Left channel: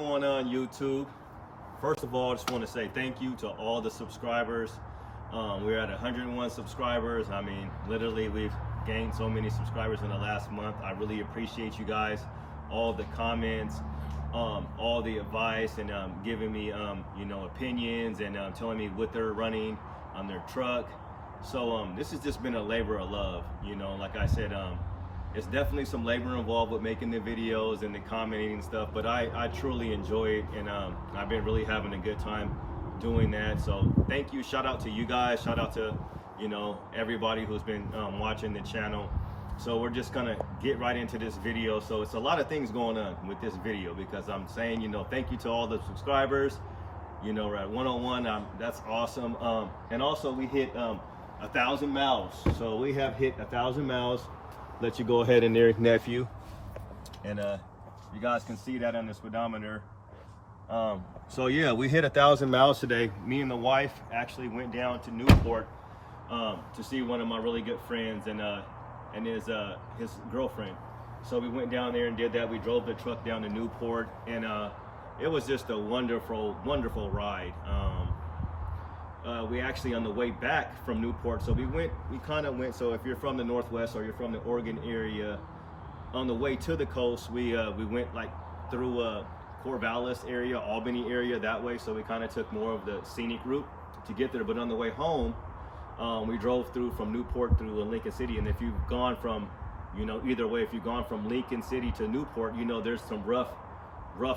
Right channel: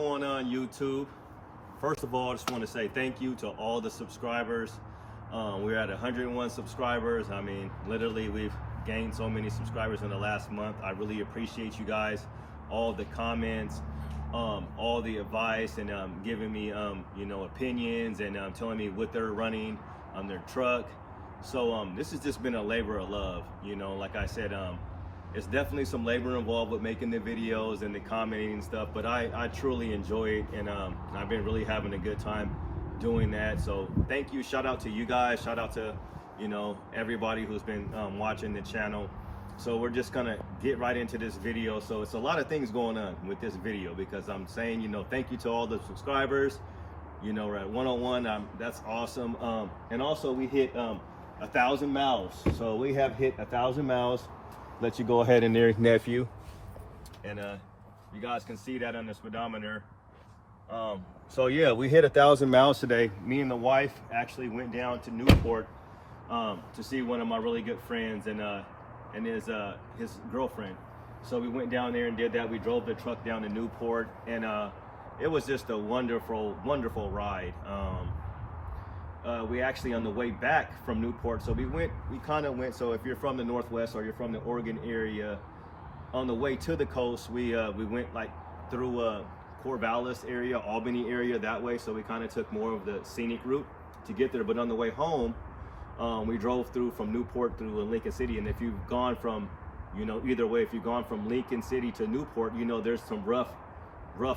going on YouTube? First of all, I just want to say thank you to all the subscribers. We're at 101 subscribers. I mean, literally we've gained so many subscribers in the last month. I really appreciate you guys, all the comments, all the advice, and giving me opinions, and telling me what they're running on their truck. So this has just been a labor of love. Like I said, it's definitely some labor involved with making the videos and the commenting and stuff, but I truly enjoy it, and I've been really having a good time doing that. So thank you. Shout out to you guys. Shout out to everybody who's been watching the channel. So we're just gonna get right into this video. So it's a lot of things going on with this video, because I'm saying thank you to all the subscribers. We're at 101. That's awesome. And also we hit 1,000 miles. So we have hit 1,000 miles. Let you go ahead in there, nephew, and you guys can see that on the speedometer. So yeah, we hit 1,000 miles today. Me and the wife actually went down to Newport to see one of my really good friends and his girlfriend. So we went down there and did that. We drove the truck down to Newport, and it was just a wonderful ride. We actually, on the way back from Newport, so we kind of went, so if you're from the Northwest or you're from the Oregon area, on the way to the coast, we went like through Corvallis area, Albany area, that way. So we kind of took more of the scenic route to get there. But on the way home, we drove through from Newport through Lincoln City. And if you've gone from, either way, if you've gone from Lincoln City to Newport, there's some rough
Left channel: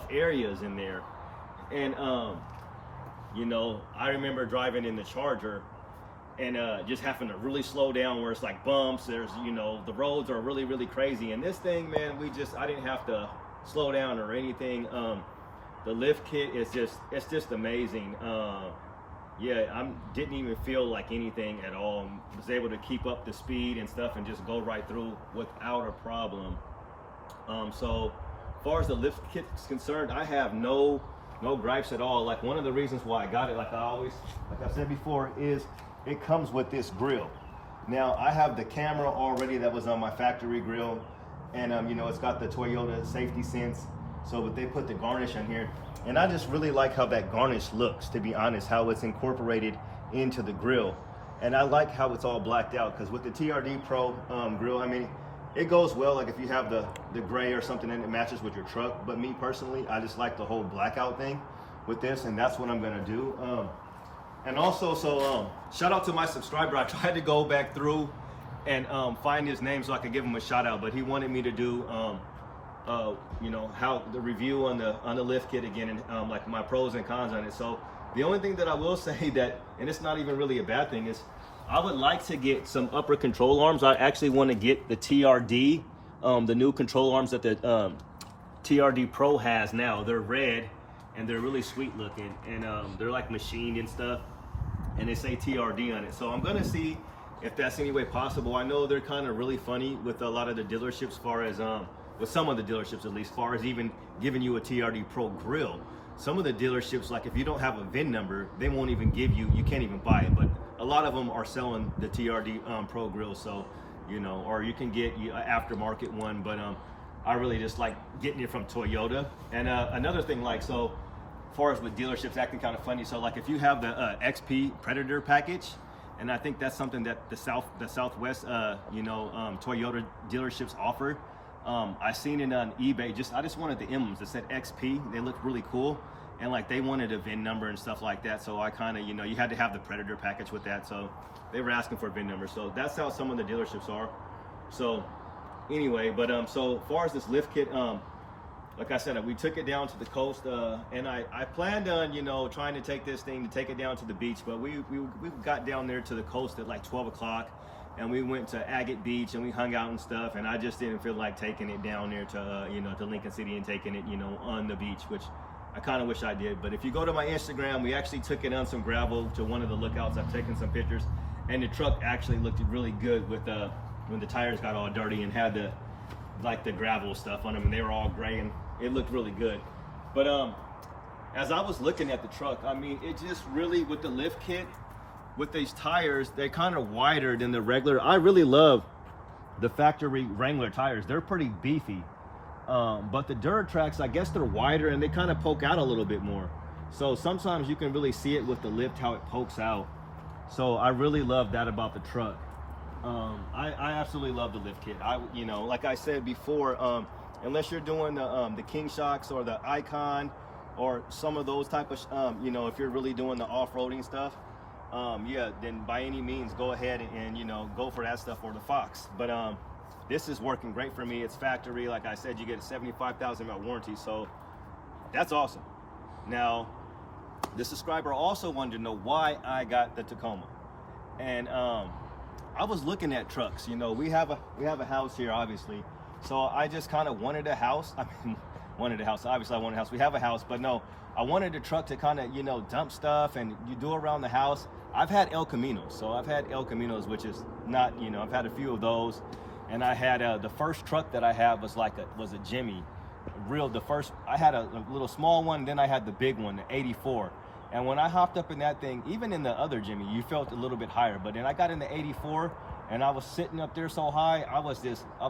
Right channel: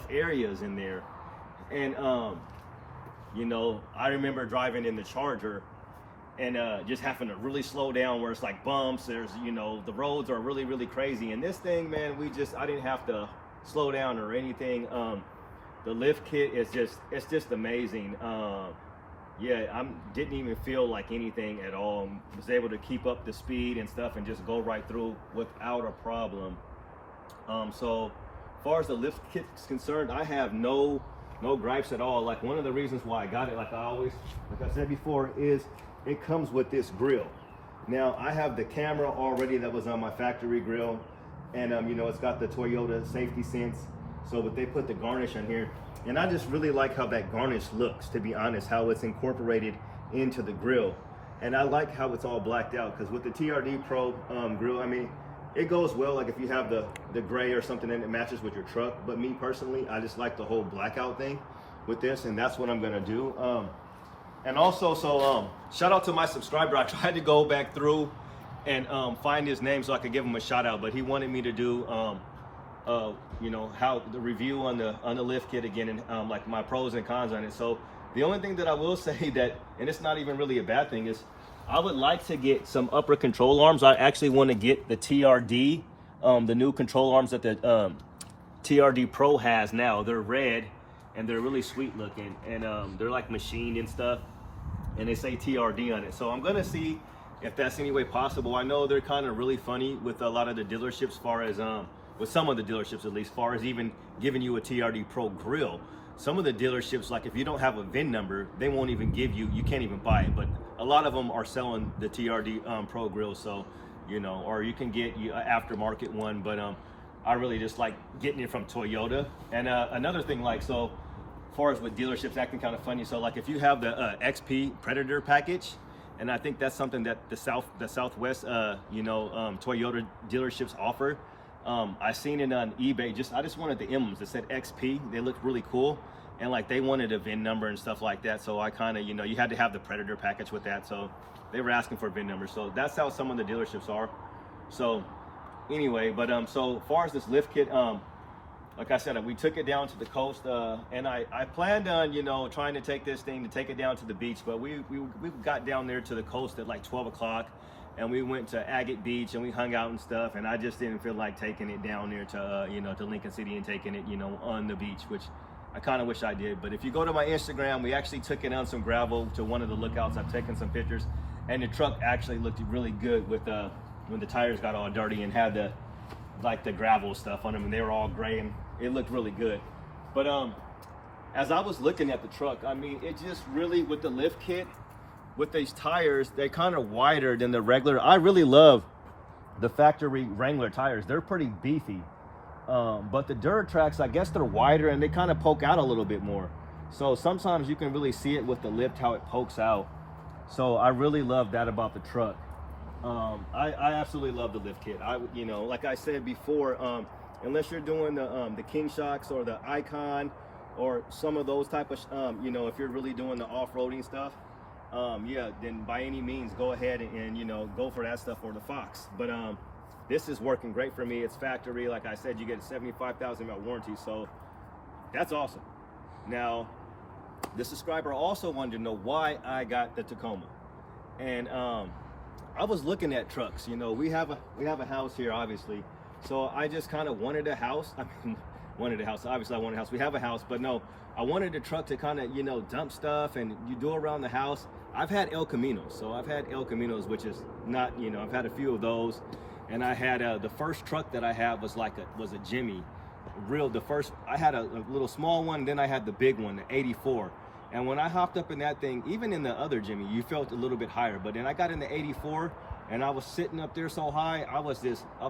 areas in there. And I remember driving in the Charger and just having to really slow down where it's like bumps. There's, the roads are really crazy. And this thing, man, I didn't have to slow down or anything. The lift kit is just amazing. Yeah, I didn't even feel like anything at all. I was able to keep up the speed and stuff and just go right through without a problem. So as far as the lift kit is concerned, I have no gripes at all. Like, one of the reasons why I got it, like I've said before, is it comes with this grill. Now I have the camera already that was on my factory grill, and it's got the Toyota safety sense. So but they put the garnish on here, and I just really like how that garnish looks, to be honest, how it's incorporated into the grill. And I like how it's all blacked out, because with the TRD Pro grill, I mean, it goes well, like if you have the gray or something and it matches with your truck. But me personally, I just like the whole blackout thing with this, and that's what I'm gonna do. And also, so shout out to my subscriber. I tried to go back through and find his name so I could give him a shout out, but he wanted me to do how the review on the lift kit again, and like my pros and cons on it. So the only thing that I will say that, and it's not even really a bad thing, is I would like to get some upper control arms. I actually want to get the TRD, the new control arms that the TRD Pro has now. They're red and they're really sweet looking, and they're like machined and stuff, and they say TRD on it. So I'm gonna see if that's any way possible. I know they're kind of really funny with a lot of the dealerships, as far as with some of the dealerships at least, as far as even giving you a TRD Pro grill. Some of the dealerships, like if you don't have a VIN number, they won't even give you can't even buy it. But a lot of them are selling the TRD Pro grill, so or you can get an aftermarket one. But I really just like getting it from Toyota. And another thing, like, so as far as with dealerships acting kind of funny, so like if you have the XP Predator package, and I think that's something that the Southwest Toyota dealerships offer. I seen it on eBay. I just wanted the emblems that said XP. They looked really cool, and like they wanted a VIN number and stuff like that. So I kind of, you had to have the Predator package with that. So they were asking for a VIN number. So that's how some of the dealerships are. So anyway, but so far as this lift kit, like I said, we took it down to the coast, and I planned on trying to take this thing to take it down to the beach, but we got down there to the coast at like 12 o'clock. And we went to Agate Beach and we hung out and stuff, and I just didn't feel like taking it down there to to Lincoln City and taking it on the beach, which I kind of wish I did. But if you go to my Instagram, we actually took it on some gravel to one of the lookouts. I've taken some pictures, and the truck actually looked really good with when the tires got all dirty and had the gravel stuff on them, and they were all gray, and it looked really good. But as I was looking at the truck, I mean, it just really, with the lift kit, with these tires, they're kind of wider than the regular. I really love the factory Wrangler tires. They're pretty beefy, But the dirt tracks, I guess they're wider and they kind of poke out a little bit more. So sometimes you can really see it with the lift, how it pokes out. So I really love that about the truck. I absolutely love the lift kit. You know, like I said before, unless you're doing the King Shocks or the Icon or some of those type of, you know, if you're really doing the off-roading stuff, yeah, then by any means go ahead and you know, go for that stuff or the Fox. But this is working great for me. It's factory. Like I said, you get a 75,000 mile warranty, so that's awesome. Now, the subscriber also wanted to know why I got the Tacoma, and I was looking at trucks. You know, we have a house here, obviously, so I just kind of wanted a house. I mean, wanted a house. Obviously, I wanted a house. We have a house, but no, I wanted a truck to kind of, you know, dump stuff and you do around the house. I've had El Caminos, so I've had El Caminos, which is not, you know, I've had a few of those, and I had the first truck that I had was like a Jimmy, I had a little small one, then I had the big one, the 84. And when I hopped up in that thing, even in the other Jimmy, you felt a little bit higher. But then I got in the 84, and I was sitting up there so high, I was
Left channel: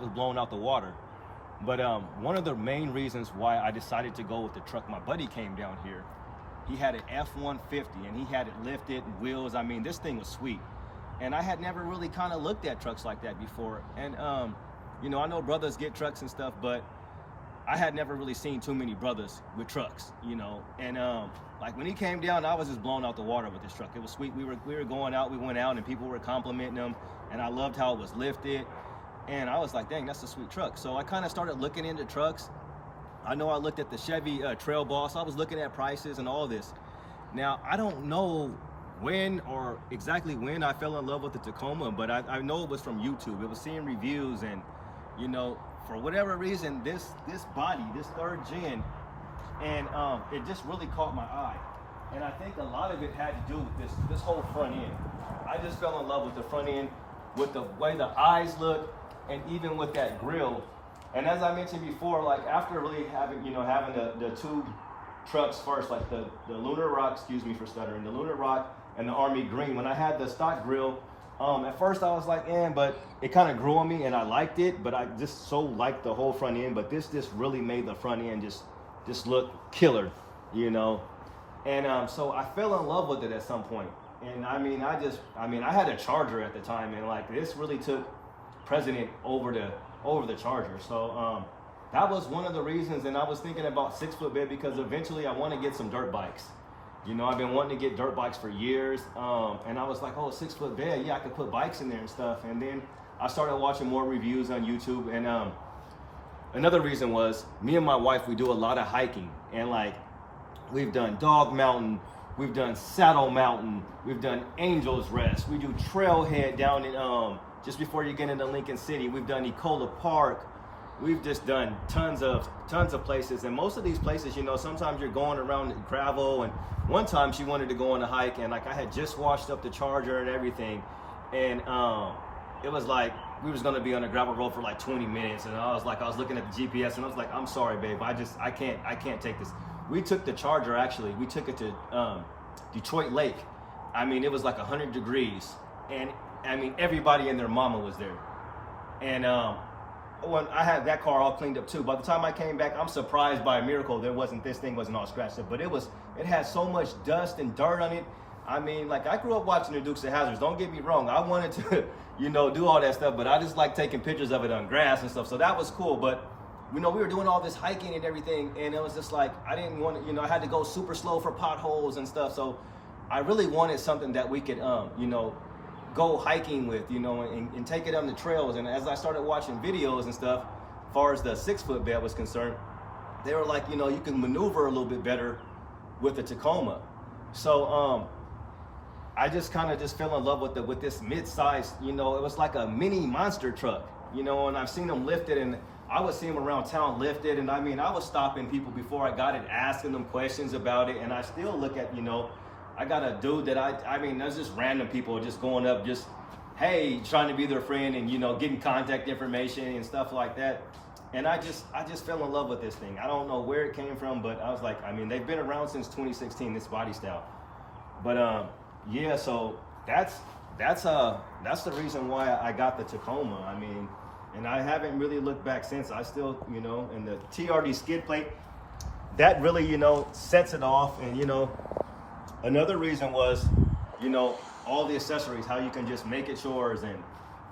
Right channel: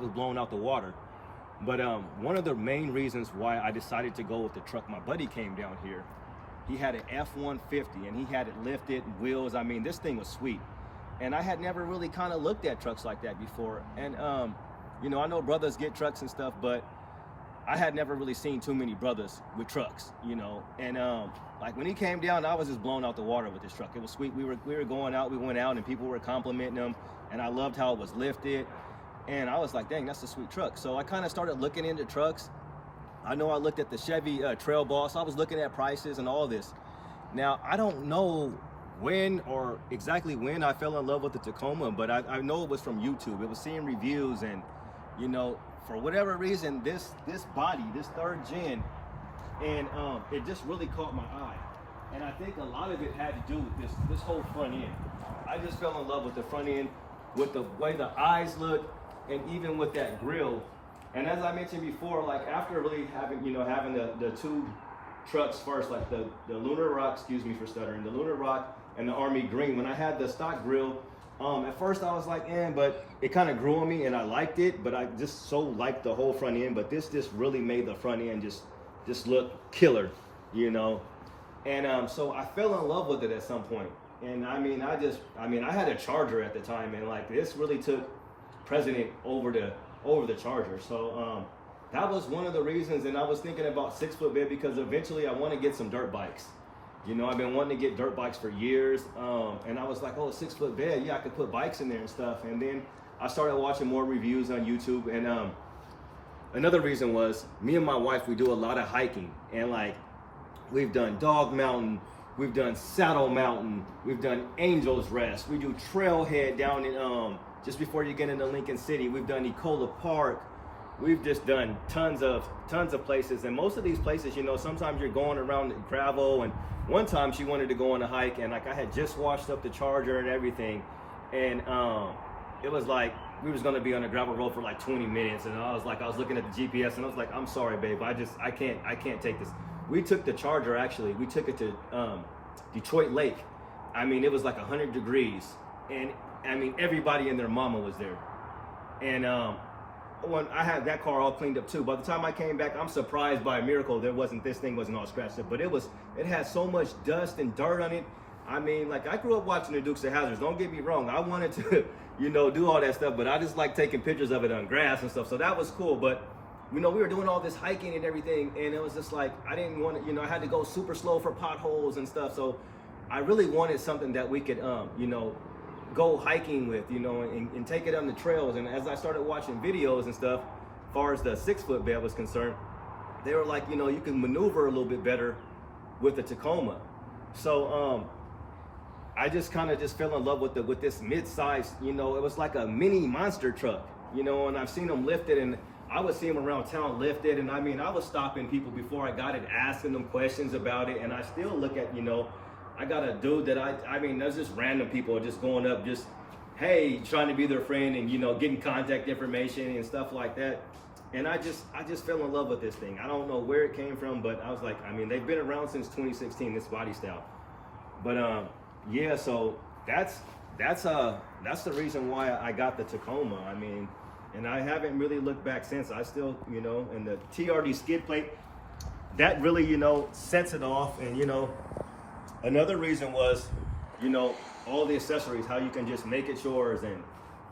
blown out the water. But one of the main reasons why I decided to go with the truck, my buddy came down here. He had an F-150, and he had it lifted, wheels. I mean, this thing was sweet. And I had never really kind of looked at trucks like that before. And, you know, I know brothers get trucks and stuff, but I had never really seen too many brothers with trucks, you know. And like when he came down, I was just blown out the water with this truck. It was sweet. We were going out, we went out, and people were complimenting him, and I loved how it was lifted. And I was like, dang, that's a sweet truck. So I kind of started looking into trucks. I know I looked at the Chevy Trail Boss. I was looking at prices and all this. Now, I don't know when or exactly when I fell in love with the Tacoma, but I know it was from YouTube. It was seeing reviews, and, you know, for whatever reason, this body, this third gen, and it just really caught my eye. And I think a lot of it had to do with this whole front end. I just fell in love with the front end, with the way the eyes look, and even with that grill. And as I mentioned before, like after really having the two trucks first, like the Lunar Rock, excuse me for stuttering, the Lunar Rock and the Army Green, when I had the stock grill, at first I was like, but it kind of grew on me and I liked it, but I just so liked the whole front end. But this really made the front end just look killer, you know. And so I fell in love with it at some point. And I had a Charger at the time, and like this really took precedent over the Charger. So that was one of the reasons. And I was thinking about 6-foot bed because eventually I want to get some dirt bikes. You know, I've been wanting to get dirt bikes for years, and I was like, oh, a 6-foot bed, yeah, I could put bikes in there and stuff. And then I started watching more reviews on YouTube, and another reason was me and my wife, we do a lot of hiking, and like we've done Dog Mountain, we've done Saddle Mountain, we've done Angel's Rest, we do Trailhead down in just before you get into Lincoln City, we've done Ecola Park. We've just done tons of places, and most of these places, you know, sometimes you're going around gravel. And one time she wanted to go on a hike, and like I had just washed up the Charger and everything, and it was like we was gonna be on a gravel road for like 20 minutes, and I was looking at the GPS, and I was like, I'm sorry, babe, I can't take this. We took the Charger, actually, we took it to Detroit Lake. I mean, it was like 100 degrees, and I mean everybody and their mama was there, and when I had that car all cleaned up too. By the time I came back, I'm surprised by a miracle this thing wasn't all scratched up, but it had so much dust and dirt on it. I mean, like I grew up watching the Dukes of Hazzard. Don't get me wrong, I wanted to, you know, do all that stuff, but I just like taking pictures of it on grass and stuff. So that was cool. But you know, we were doing all this hiking and everything, and it was just like I didn't want to, you know, I had to go super slow for potholes and stuff. So I really wanted something that we could, you know, go hiking with, you know, and take it on the trails. And as I started watching videos and stuff, as far as the 6-foot bed was concerned, they were like, you know, you can maneuver a little bit better with the Tacoma. So I just kind of fell in love with this mid-size, you know, it was like a mini monster truck, you know, and I've seen them lifted, and I would see them around town lifted, and I mean, I was stopping people before I got it, asking them questions about it, and I still look at, you know, I got a dude that I mean, there's just random people just going up, just, hey, trying to be their friend, and, you know, getting contact information and stuff like that. And I just fell in love with this thing. I don't know where it came from, but I was like, I mean, they've been around since 2016, this body style. But yeah, so that's the reason why I got the Tacoma. I mean, and I haven't really looked back since. I still, you know, and the TRD skid plate, that really, you know, sets it off. And, you know, another reason was, you know, all the accessories, how you can just make it yours and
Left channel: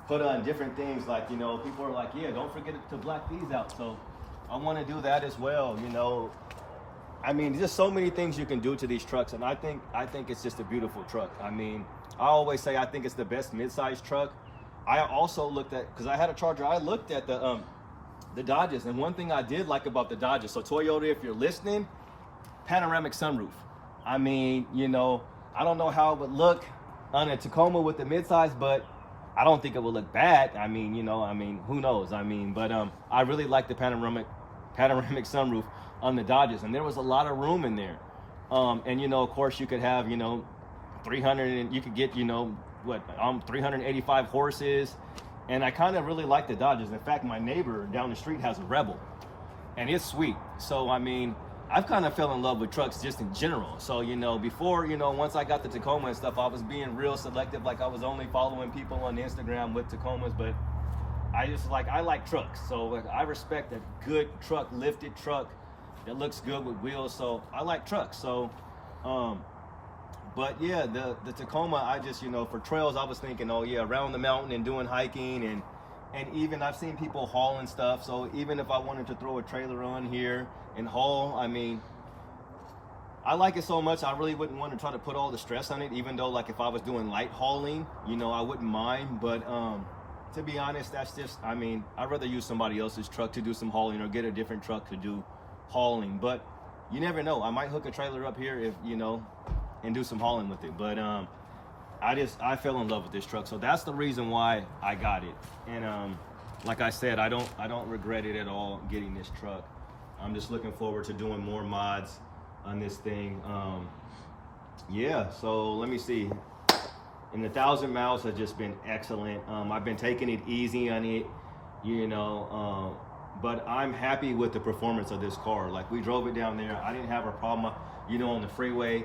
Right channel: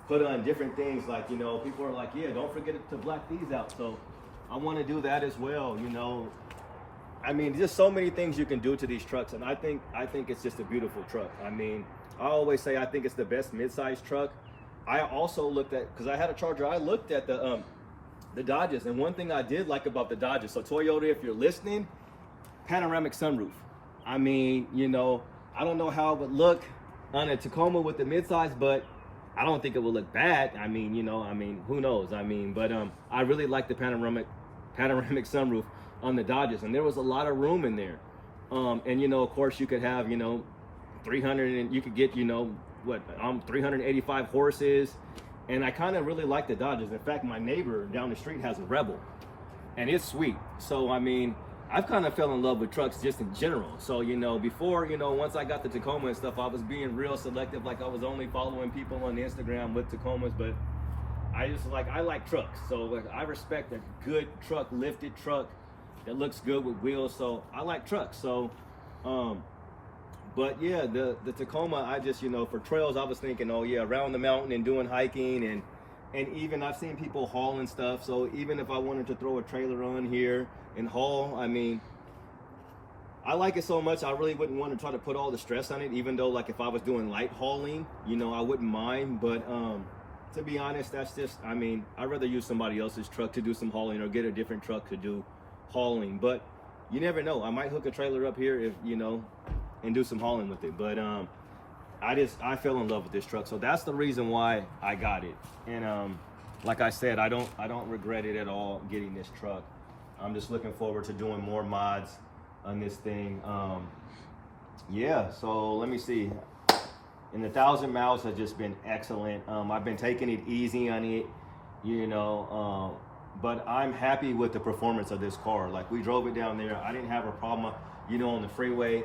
put on different things. Like, you know, people are like, yeah, don't forget to black these out. So I want to do that as well, you know. I mean, just so many things you can do to these trucks, and I think it's just a beautiful truck. I mean, I always say I think it's the best mid-size truck. I also looked at, because I had a Charger, I looked at the Dodges, and one thing I did like about the Dodges, so Toyota, if you're listening, panoramic sunroof. I mean, you know, I don't know how it would look on a Tacoma with the mid-size, but I don't think it would look bad. I mean, you know, I mean, who knows? I mean, but I really like the panoramic sunroof on the Dodges, and there was a lot of room in there. And, you know, of course you could have, you know, 300, and you could get, you know, what, 385 horses. And I kind of really like the Dodges. In fact, my neighbor down the street has a Rebel, and it's sweet. So, I mean, I've kind of fell in love with trucks just in general. So, you know, before, you know, once I got the Tacoma and stuff, I was being real selective. Like, I was only following people on Instagram with Tacomas, but I like trucks. So, like, I respect a good truck, lifted truck that looks good with wheels. So I like trucks. So, but yeah, the Tacoma, I just, you know, for trails, I was thinking, oh yeah, around the mountain and doing hiking, and even I've seen people hauling stuff. So even if I wanted to throw a trailer on here and haul, I mean, I like it so much, I really wouldn't want to try to put all the stress on it, even though, like, if I was doing light hauling, you know, I wouldn't mind. But to be honest, that's just, I mean, I'd rather use somebody else's truck to do some hauling, or get a different truck to do hauling. But you never know, I might hook a trailer up here, if, you know, and do some hauling with it. But I fell in love with this truck, so that's the reason why I got it. And like I said, I don't regret it at all getting this truck. I'm just looking forward to doing more mods on this thing. Yeah, so let me see. And the 1,000 miles has just been excellent. I've been taking it easy on it, you know, but I'm happy with the performance of this car. Like, we drove it down there, I didn't have a problem, you know, on the freeway.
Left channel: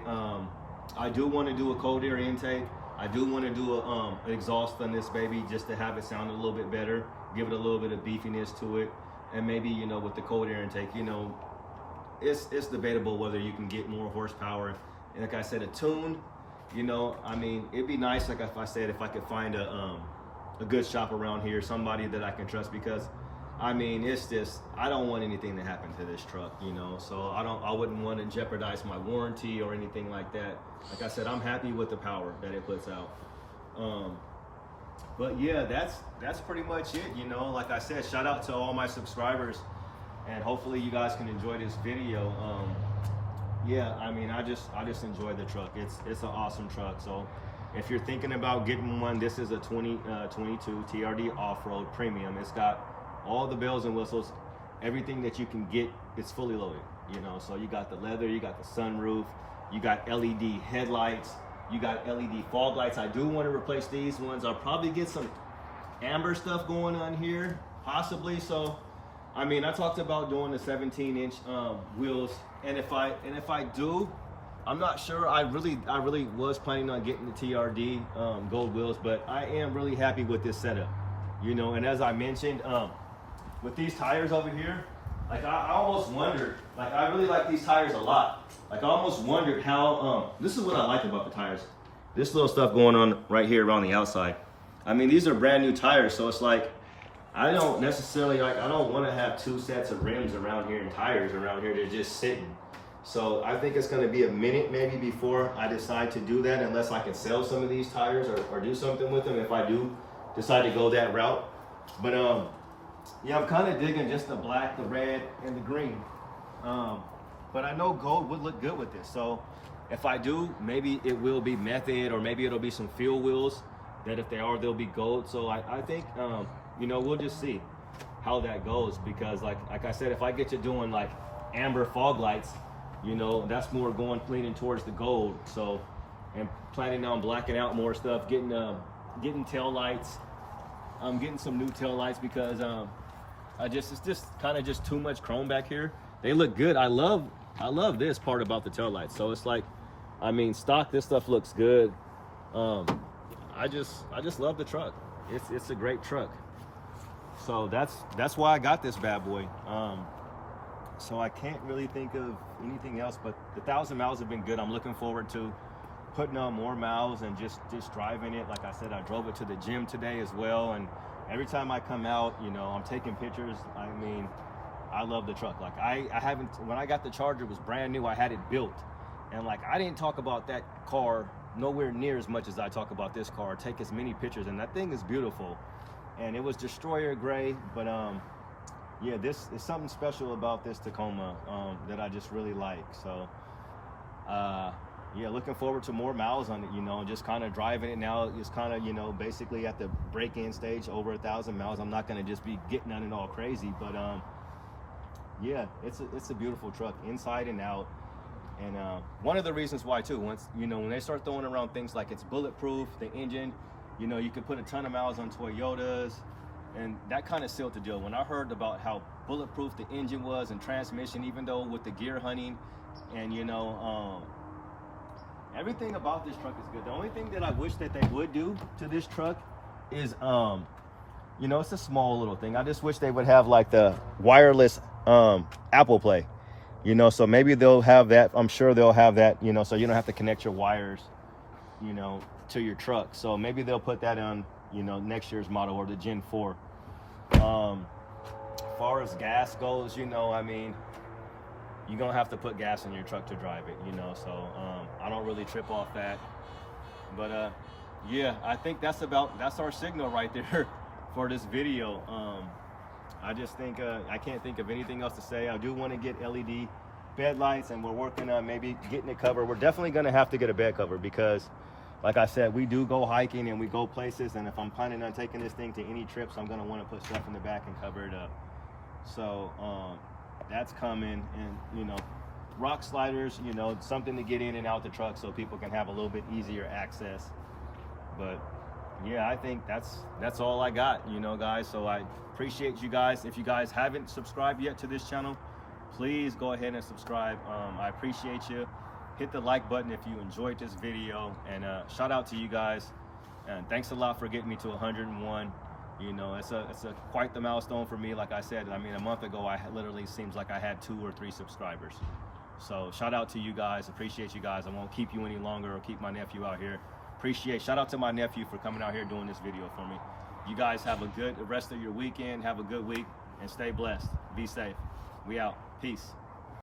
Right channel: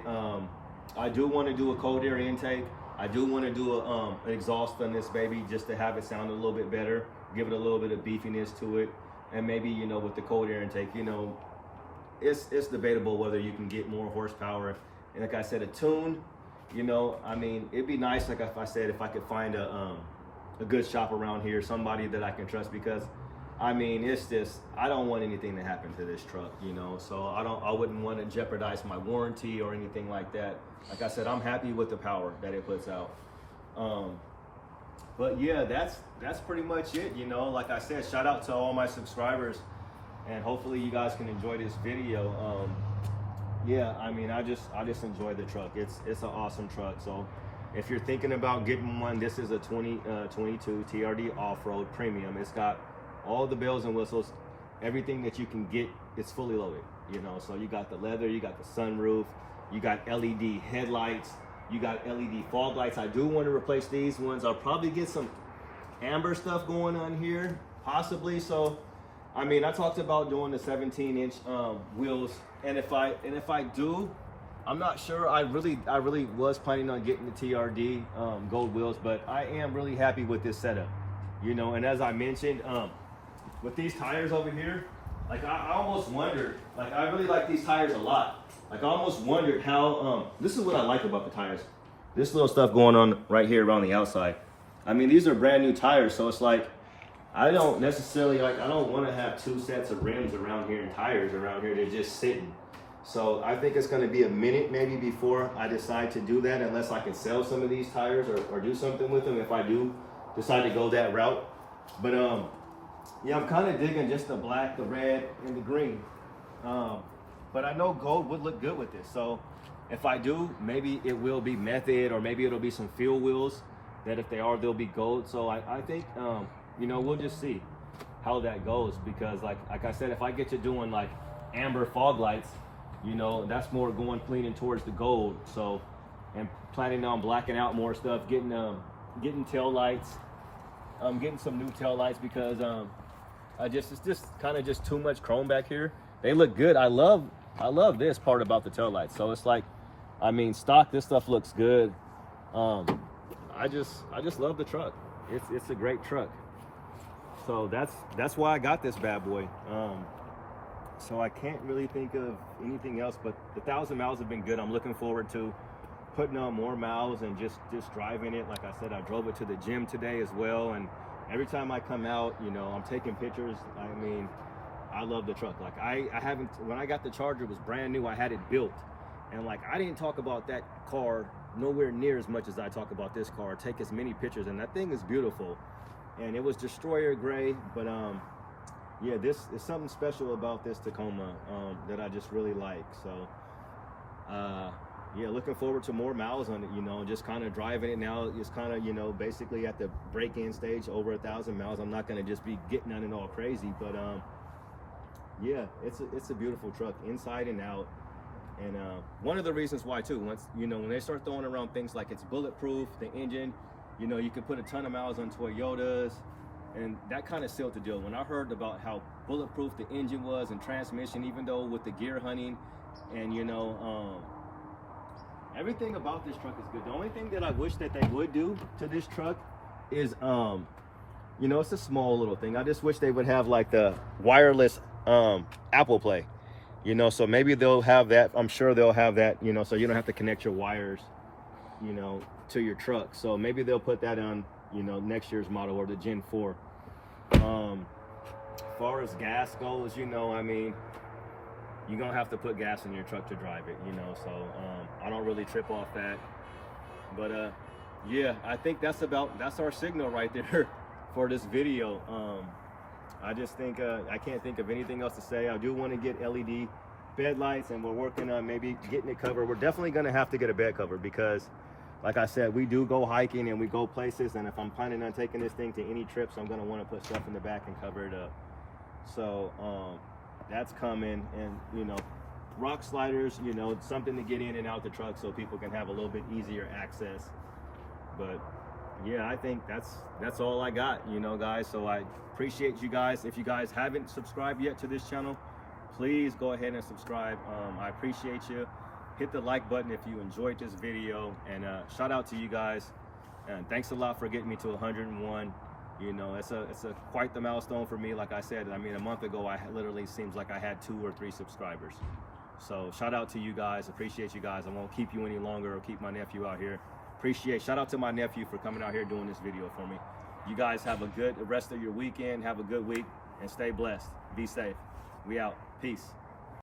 I do want to do a cold air intake. I do want to do an exhaust on this baby, just to have it sound a little bit better, give it a little bit of beefiness to it. And maybe, you know, with the cold air intake, you know, it's debatable whether you can get more horsepower. And like I said, a tune, you know, I mean, it'd be nice, like I said, if I could find a good shop around here, somebody that I can trust, because I mean, it's just, I don't want anything to happen to this truck, you know, so I wouldn't want to jeopardize my warranty or anything like that. Like I said, I'm happy with the power that it puts out. But yeah, that's pretty much it, you know. Like I said, shout out to all my subscribers, and hopefully you guys can enjoy this video. Yeah, I mean, I just enjoy the truck. It's an awesome truck. So if you're thinking about getting one, this is a 2022 TRD Off Road Premium. It's got all the bells and whistles, everything that you can get. It's fully loaded, you know. So you got the leather, you got the sunroof, you got LED headlights, you got LED fog lights. I do want to replace these ones. I'll probably get some amber stuff going on here, possibly. So I mean, I talked about doing the 17-inch wheels, and if I do, I'm not sure. I really was planning on getting the TRD gold wheels, but I am really happy with this setup, you know. And as I mentioned, with these tires over here, like I almost wondered, like I really like these tires a lot. Like I almost wondered how, this is what I like about the tires. This little stuff going on right here around the outside. I mean, these are brand new tires, so it's like, I don't necessarily, like, I don't want to have two sets of rims around here and tires around here. They're just sitting. So I think it's going to be a minute maybe before I decide to do that, unless I can sell some of these tires or do something with them if I do decide to go that route. But yeah, I'm kind of digging just the black, the red, and the green. But I know gold would look good with this. So if I do, maybe it will be method, or maybe it'll be some fuel wheels that if they are, they'll be gold. So I think, you know, we'll just see how that goes, because like I said, if I get you doing like amber fog lights, you know, that's more leaning towards the gold. So, and planning on blacking out more stuff, getting tail lights, getting some new tail lights, because it's just kind of just too much chrome back here. They look good. I love this part about the tail lights. So it's like, I mean, stock, this stuff looks good. I just love the truck. It's a great truck. So that's why I got this bad boy. So I can't really think of anything else, but the 1,000 miles have been good. I'm looking forward to putting on more miles and just driving it. Like I said, I drove it to the gym today as well, and every time I come out, you know, I'm taking pictures. I mean, I love the truck. Like I haven't, when I got the Charger, it was brand new. I had it built, and like I didn't talk about that car nowhere near as much as I talk about this car. Take as many pictures, and that thing is beautiful. And it was destroyer gray, but yeah, this is something special about this Tacoma that I just really like. So yeah, looking forward to more miles on it, you know, just kind of driving it now. Just kind of, you know, basically at the break-in stage, over 1,000 miles. I'm not going to just be getting on it all crazy, but yeah, it's a beautiful truck inside and out. And one of the reasons why too, once, you know, when they start throwing around things like it's bulletproof, the engine, you know, you can put a ton of miles on Toyotas, and that kind of sealed the deal. When I heard about how bulletproof the engine was and transmission, even though with the gear hunting, and you know, everything about this truck is good. The only thing that I wish that they would do to this truck is, you know, it's a small little thing. I just wish they would have like the wireless Apple Play, you know, so maybe they'll have that. I'm sure they'll have that, you know, so you don't have to connect your wires, you know, to your truck. So maybe they'll put that on, you know, next year's model or the Gen 4. As far as gas goes, you know, I mean, you're gonna have to put gas in your truck to drive it, you know, so I don't really trip off that. But yeah, I think that's our signal right there for this video. I just think I can't think of anything else to say. I do want to get LED bed lights, and we're working on maybe getting it covered. We're definitely gonna have to get a bed cover because, like I said, we do go hiking and we go places, and if I'm planning on taking this thing to any trips, I'm gonna want to put stuff in the back and cover it up. So that's coming. And you know, rock sliders, you know, something to get in and out the truck so people can have a little bit easier access. But yeah, I think that's all I got, you know, guys. So I appreciate you guys. If you guys haven't subscribed yet to this channel, please go ahead and subscribe. I appreciate you. Hit the like button if you enjoyed this video, and shout out to you guys, and thanks a lot for getting me to 101. You know, it's a quite the milestone for me. Like I said, I mean, a month ago I literally seems like I had 2 or 3 subscribers. So shout out to you guys. Appreciate you guys. I won't keep you any longer or keep my nephew out here. Shout out to my nephew for coming out here doing this video for me. You guys have a good rest of your weekend. Have a good week and stay blessed. Be safe. We out. Peace.